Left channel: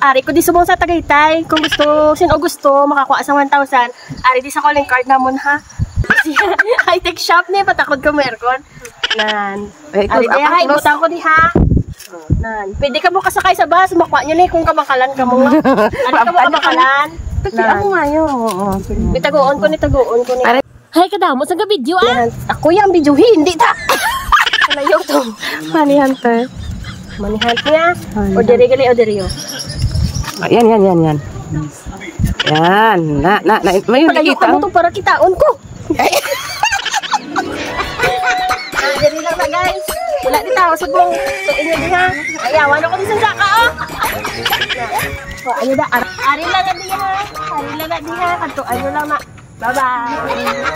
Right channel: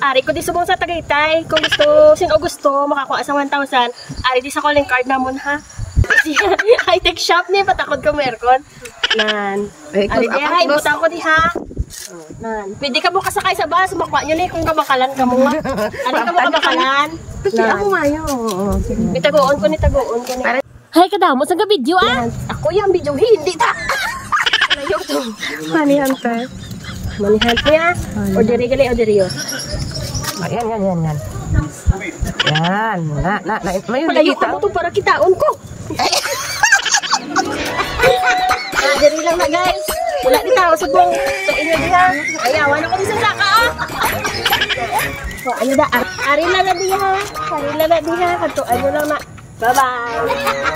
Ari ko di subong sa Tagaytay. Kung gusto, sino gusto, makakuha sa 1,000. Ari di sa calling card namon ha. High-tech shop ni, patakod ko merkon. Nan. Ari di ha, ibutan ko di ha. Nan. Pwede ka mo kasakay sa bus, makuha nyo na kung kabakalan ka mo ma. Ari ka mo kabakalan. Nan. Nitagoon ko ni. Hay kadamo sa video ah. Ako yung video hindi ta. Ano YouTube? Money Hunter. Money Hunter niya. Orderi gali orderio. Yan. Yan. May nakita. Pagayok mo para kitaon ko. Orderi lang na guys. Wala kita ako sa buong. Yaman ako sa saka ah. Ayun na. Ari lang na diha. Kanto. Ayun lang na. Bye-bye.